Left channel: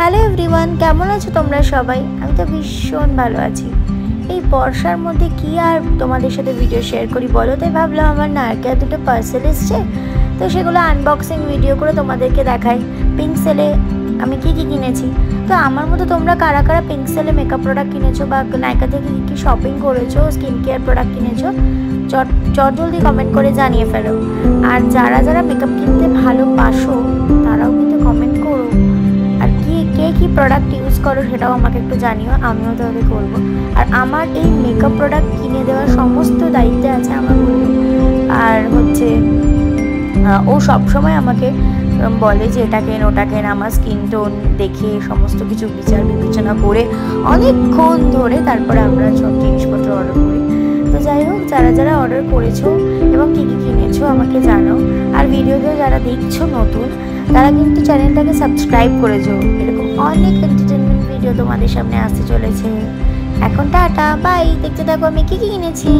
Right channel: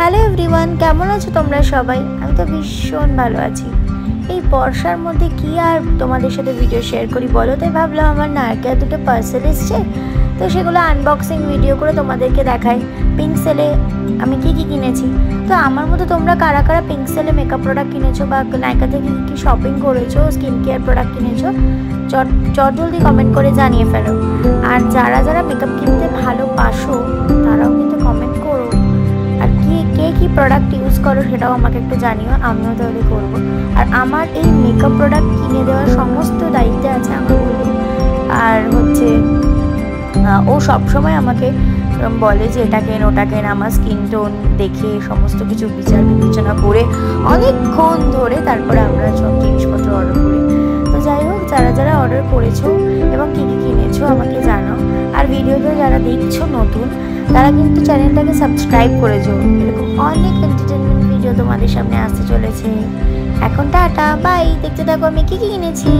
Hello everyone, কেমন আছো তোমরা সবাই? আমি তো ভীষণ ভালো আছি। এই বর্ষার মধ্যে কি আর তোমাদের সাথে ভিডিও শেয়ার করি বলো, তাই ভাবলাম আমার নারকেল দুটো পার্সেল এসছে, তো সেগুলো আনবক্সিং ভিডিও করে তোমাদেরকে দেখাই। পিঙ্ক সেলে আমি কি কিনেছি। তো আমার মতো তোমরা কারা কারা পিঙ্ক সেলে মেকআপ প্রোডাক্ট কিনেছো বা নাইকা থেকে কী শপিং করেছো, স্কিন কেয়ার প্রোডাক্ট কিনেছো, চট জলদি কমেন্ট করে জানিয়ে ফেলো। আর যারা যারা মেকআপ কিনতে ভালোবাসো তারাও কিন্তু কমেন্ট করো। আর কে কী প্রোডাক্ট ইউজ করো সেটাও আমাকে একটু জানিও, আমিও তাহলে করবো। আর আমার এই মেকআপ প্রোডাক্ট কিনে দেওয়ার সমস্ত দায়িত্বে আছে আমার বলু। আর ও সবসময় আমাকে বলে যে এটা কেন ওটা কেন, আমার স্কিন টোন দেখে সমস্ত কিছু বিচার বিবেচনা করে অনেকক্ষণ ধরে তারপরে আমরা সব জিনিসপত্র অর্ডার করি। তো যাই হোক, যারা যারা অর্ডার করেছো এবং কী কী কিনেছো আমাকে জানাও। আর ভিডিওটা যারা দেখছো নতুন, তারা কিন্তু চ্যানেলটাকে সাবস্ক্রাইব করেছো। এরকম অনেক এন্টারটেনমেন্ট ভিডিও তোমাদের সামনে আসতে চলেছে। এখন টাটা বাই, দেখতে থাকো আমি কী কী কিনেছি।